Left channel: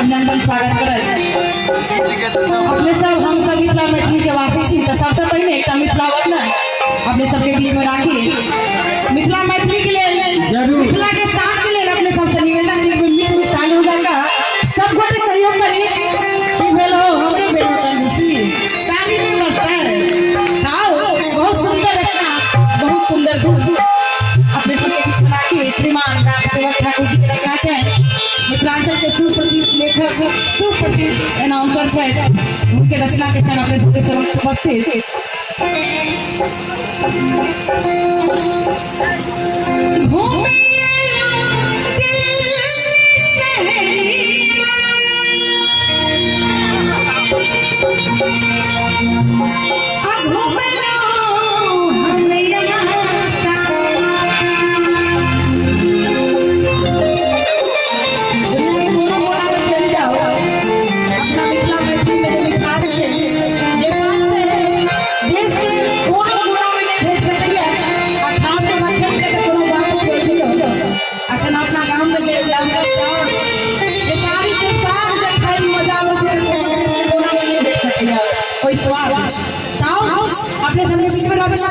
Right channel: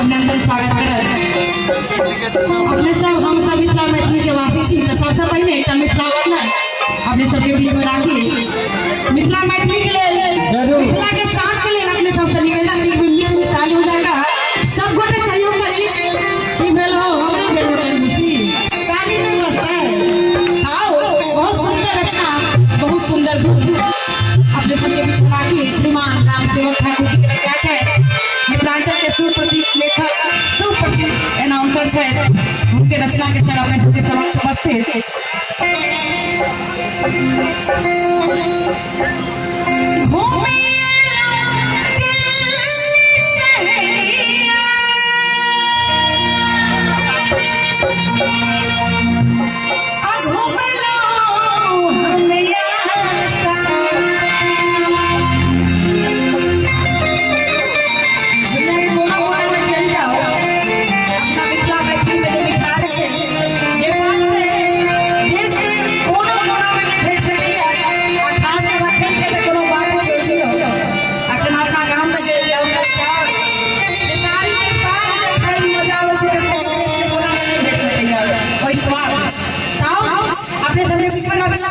अभिनंदन स्वागत करत अपने सब हम सब मिथिला मैथिली के वासी छी तो सबसे पहले एक मिथिला वर्णन अपने सबके बीच में राखी मिथिला मैथिली के लिए मिथिला के साथ के लिए अपने सबसे निवेदन की ताली बजाकर सब गोटे सहयोग करी कि बेलो हमरो बेलो तंदुसी ताली में नमस्कार आओ बहुत सुंदर रचना बहुत सुंदर धुन अपने सबके बीच में राखी श्रीमान राम सेवक ठाकुर जी की रचना है मिथिलांचल के सुप्रसिद्ध लेखक सुप्रसिद्ध अनाउंसर है उनके रचना के साथ अपने सबके समक्ष उपस्थित अपने सबने बीच में राखी